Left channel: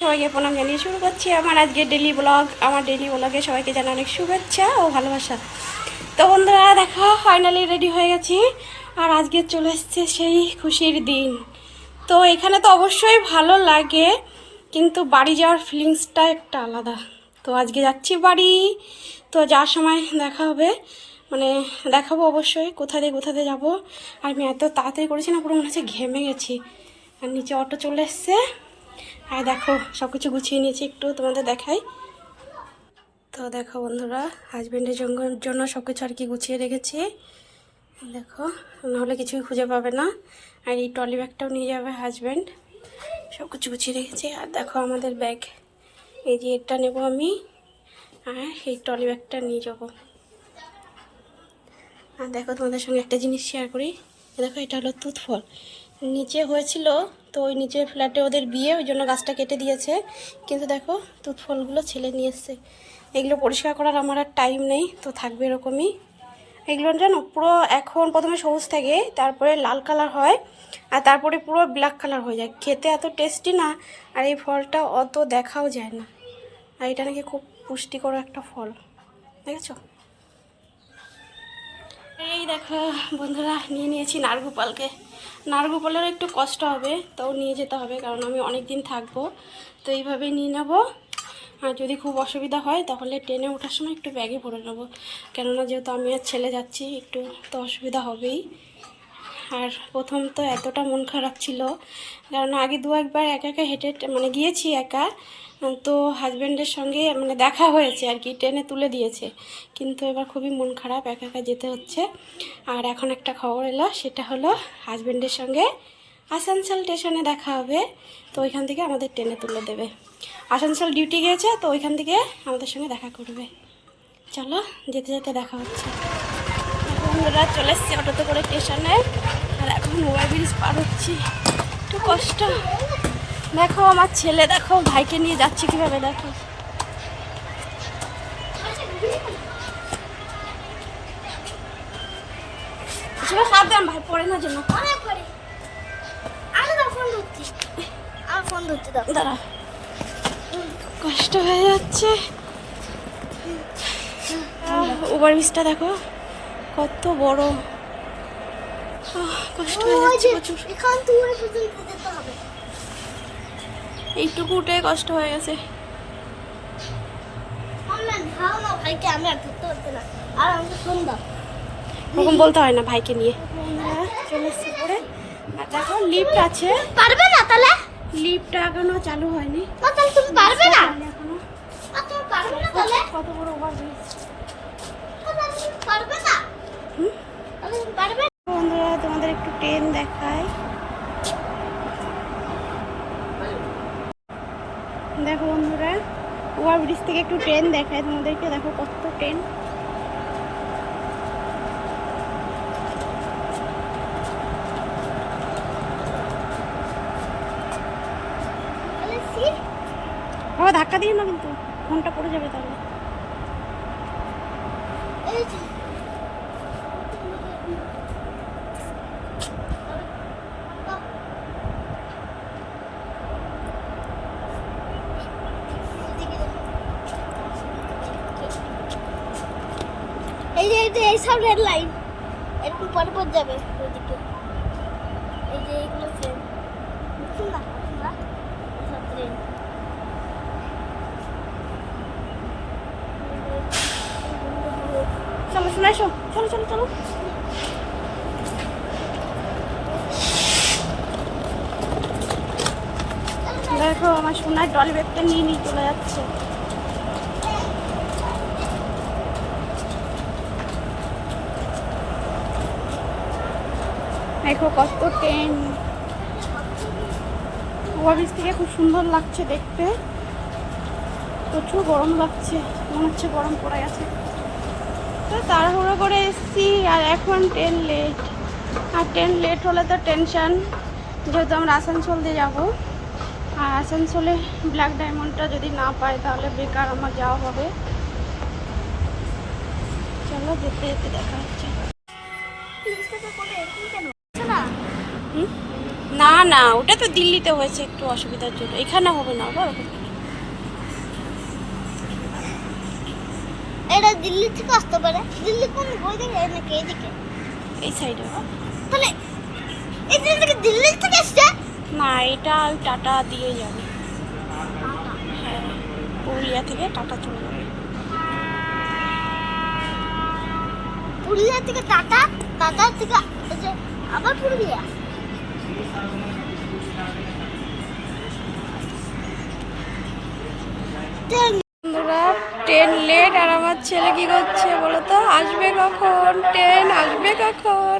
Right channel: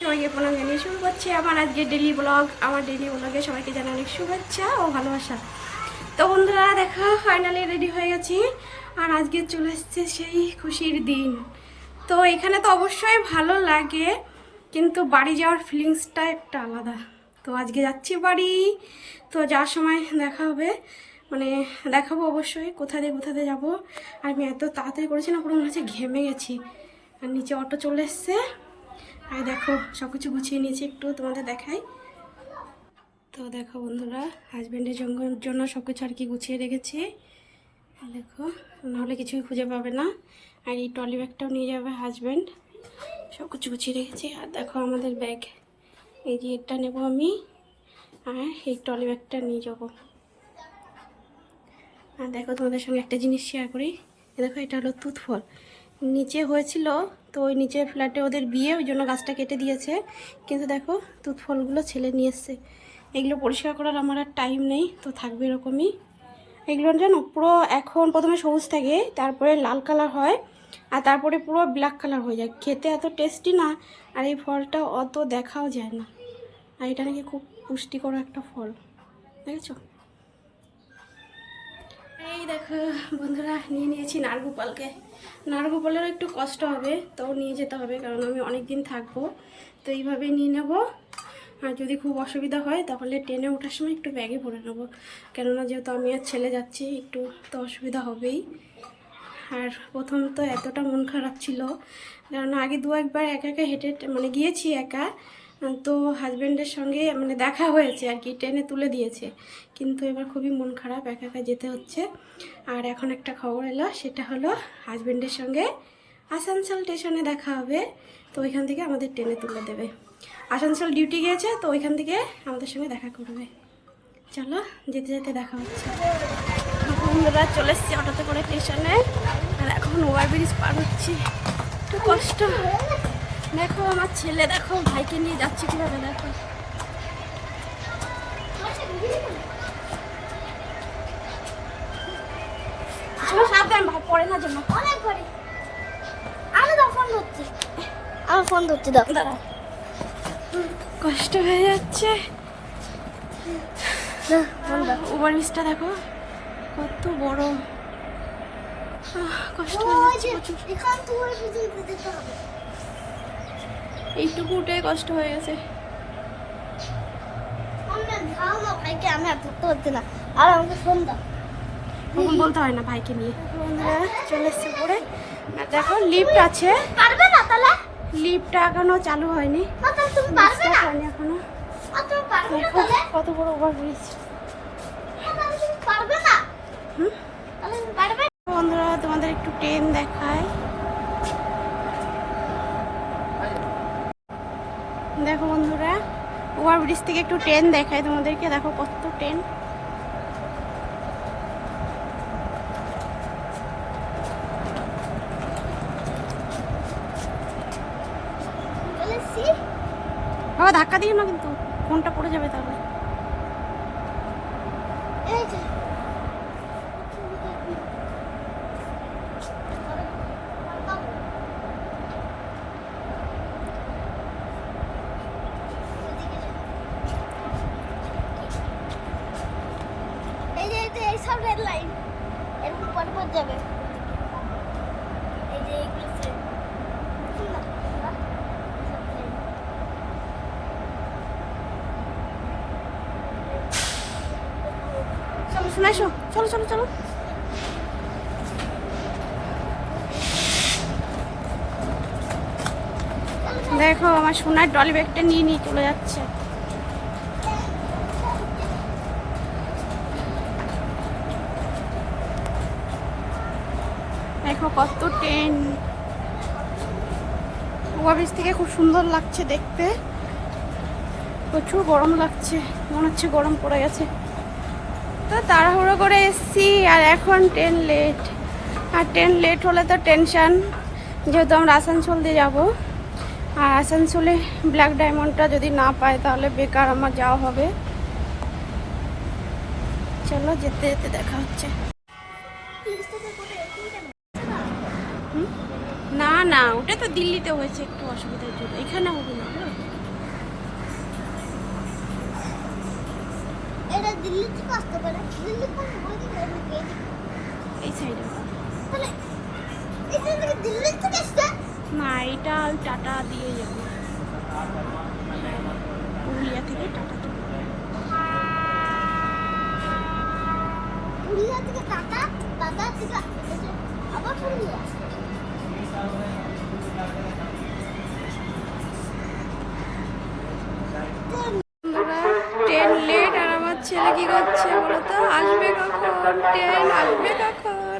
সবাইকে প্রণাম জানিয়ে শুরু করছি আমার আজকের ডেলি ব্লগ। আমার ডেলি ব্লগে সবাইকে জানাই অনেক শুভেচ্ছা ও ভালোবাসা। তো বন্ধুরা দেখো, ফাইনালি রেডি হয়ে গেছি আর আজকে চলে এসছে সেই খুশির দিন। তো এখানে তো অবশ্যই ভালো লাগে, কিন্তু বাড়ি যাওয়ার ফিলিংসটা একটা আলাদা। তো আজকে যাচ্ছি বাড়ি। তো যাওয়ার সময় দেখা হবে, মানে দেখাবো অবশ্যই কোথা দিয়ে যাবো। আর আমি এত তাড়াতাড়ি করেছি না, পুরো মনে হচ্ছে ঘেমে গেছি। আর নিচে অটো চলে এসছে। আর দেখো সব কিছু গুছিয়ে নিয়েছি, একটু তোমাদের দেখাই। তো দেখো বন্ধুরা, হাজব্যান্ডের জন্য সব কিছু আর কি গুছিয়ে রেখেছি। দেখো, নাহলে কিছুই খুঁজে পাবে না। আর এই ট্রলি ব্যাগটাও নিয়ে যাবে হাজব্যান্ড। সব কিছু গুছিয়ে রেখেছি। আর দেখো আমাদের ব্যাগ, এই যে এটা নেব আমি, আর এই ট্রলি ব্যাগটা নিয়ে যাব। আর দেখো তোমাদের সঙ্গে একটা জিনিস শেয়ার করি। দেখো এটা হলো তুত ফল, নিচে হয়েছিল। তো ওই নিচের ফ্ল্যাটে ওদের বিয়ে, ওই জন্য গাছটা কেটে দিয়েছে। কিন্তু দেখো তুত ফলগুলো ছেলে নিয়ে এসছে। এগুলো পরিষ্কার করার আমার আর টাইম নেই, তো থাকবে এরকমই। এগুলো জানো পুরো এখন প্রথমে সবুজ থাকে, তারপরে লাল কালার হয়, আর তারপরে পুরো ব্ল্যাক কালার হয়ে যায়। খেতে এত টেস্টি না, আর এই ফলটা অত দেখাও যায় না। আর এটা নাকি খুব পুষ্টিকর একটা ফল, দেখেছো? এই দেখো বন্ধুরা, নিয়ে নিয়েছি নারগোপালকে। নারগোপালেরও একটু কষ্ট হবে, তাও নিয়ে যেতে হবে, কারণ আমি অনেক দিন থাকবো। তো এইভাবেই নিয়ে নেব। আর যদি খুব অসুবিধা হয় তাহলে ট্রেনে ওঠার সময় একটু ব্যাগে ভরে নেবো, কেননা যেহেতু আমি আর ছেলে যাচ্ছি, একটু তো অসুবিধা হবেই। আর প্রথম তো এতটা মন খারাপ ছিল, কারণ আগে দু একবার একা একা হেঁটে মানে গিয়েছি একা। তো হাজব্যান্ডের সঙ্গে মানে দেখা হয়েছে আর কি, ট্রেনে তুলে দিয়েছে। কিন্তু এবার খুবই মন খারাপ, একা একা যেতে হচ্ছে। আর এখন একটা খবর এলো, সেটা হলো হাজব্যান্ডের সঙ্গে আসানসোল স্টেশনে দেখা হবে। তো ওইখান থেকে আমাদের ট্রেনে তুলে দেবে। আসানসোল ডিউটি গিয়েছে, তো ওইখান থেকে আমাদের সঙ্গে দেখা করবে। চলো, যেতে যেতে দেখা হচ্ছে। বন্ধুরা চলে এসছি অটোতে করে স্টেশনে। আর এখন ওভারব্রিজ পার হচ্ছি, একটু কষ্ট। দেখো আমার ছেলে, দেখো ভাইকে নিয়ে যাচ্ছি কিভাবে, দেখো। সাবধান ভাই, পড়ে না জন্য। আমার ফোন ধরছি, দাঁড়া, কষ্ট হয়ে যাচ্ছে। ওভারব্রিজটা দেখো কত বড়, কষ্ট হয়ে যাচ্ছে প্রচুর। এখান থেকে ওই পর্যন্ত যেতে হবে। এইটুকু উঠে কষ্ট হয়ে গেছে। আমরা ধাও না ভাইকে, আমি আর ধরতে পারছি না। আর আমাকে ফোন দাও। ওরকম বলতে হয় না, ভাইকে নিয়ে। চলে এসছে পরে। আর দেখো লিফট আছে, পারবে না তাহলে? লিফটটা এখনো চালু হয়নি। তাহলে তুমি পারবে না? তুমি পারবে না তাহলে? কত বড় ওভারব্রিজ। তাহলে তুমি পারবে না? তাহলে তুমি পারবে? বন্ধুরা তোমাদের একটু ট্রেন দেখায়। দেখো বন্ধুরা, ওভারব্রিজ থেকে একটু ট্রেন দেখায় তোমাদেরকে। দেখো কত ট্রেন। তাহলে সি বাবা ধাক্কা দিও না, কিন্তু ফোনটা পড়ে যাবে তাহলে। এই যে এই সব রেড লাইন এরকম পর পর যাবে ওইদিকে। এই যে এগুলো ট্রেন, বুঝছেন না? সব ট্রেন। চলো শোনা, এসো, চলো চলো চলো। দেখো আমার সোনার ট্রলি ব্যাগটা নিয়ে নিয়ে চলে যাচ্ছে। দেখো কত ট্রেন। ওভারব্রিজ থেকে খুব সুন্দর লাগছে দেখতে। প্রচুর গরম লাগছে, মনে হচ্ছে গরম পড়ে গেছে। তো তাড়াহুড়ো করে এসছি, আর এখন ট্রেন লেট। আর ট্রেন লেট হলে তো টেনশন, যেহেতু আমরা আসানসোল দিয়ে যাবো। আর আসানসোলে ব্ল্যাক ডায়মন্ডটা যদি না পাই তাহলে বেকার আমার যাওয়া হবে। চলো যেতে যেতে দেখা হচ্ছে। লিস্টটাতে কোথায় এরকম কেন? না হুম, না না, ওটা তো দিল্লিতে হয়েছে একটু অসুবিধার জন্য, এখানে হবে না বলো। এটা দিল্লি থেকে আসতে পারে। দিল্লি কোন ওই দিকে নাকি এদিকে? এই সাইডে। তাহলে এই থেকে দিল্লি থেকে আসছে? না, এটা ওই টাটা দিয়ে যাবে। হ্যাঁ, পুরুলিয়া থেকে টাটা চলে যাবে। পুরুলিয়া থেকে টাটা, টাটা থেকে আবার পুরুলিয়া। বন্ধুরা, ট্রেন লেট আর আমার ছেলে কি করছে বলো তো? আসবে কখন ট্রেন, আসবে কখন?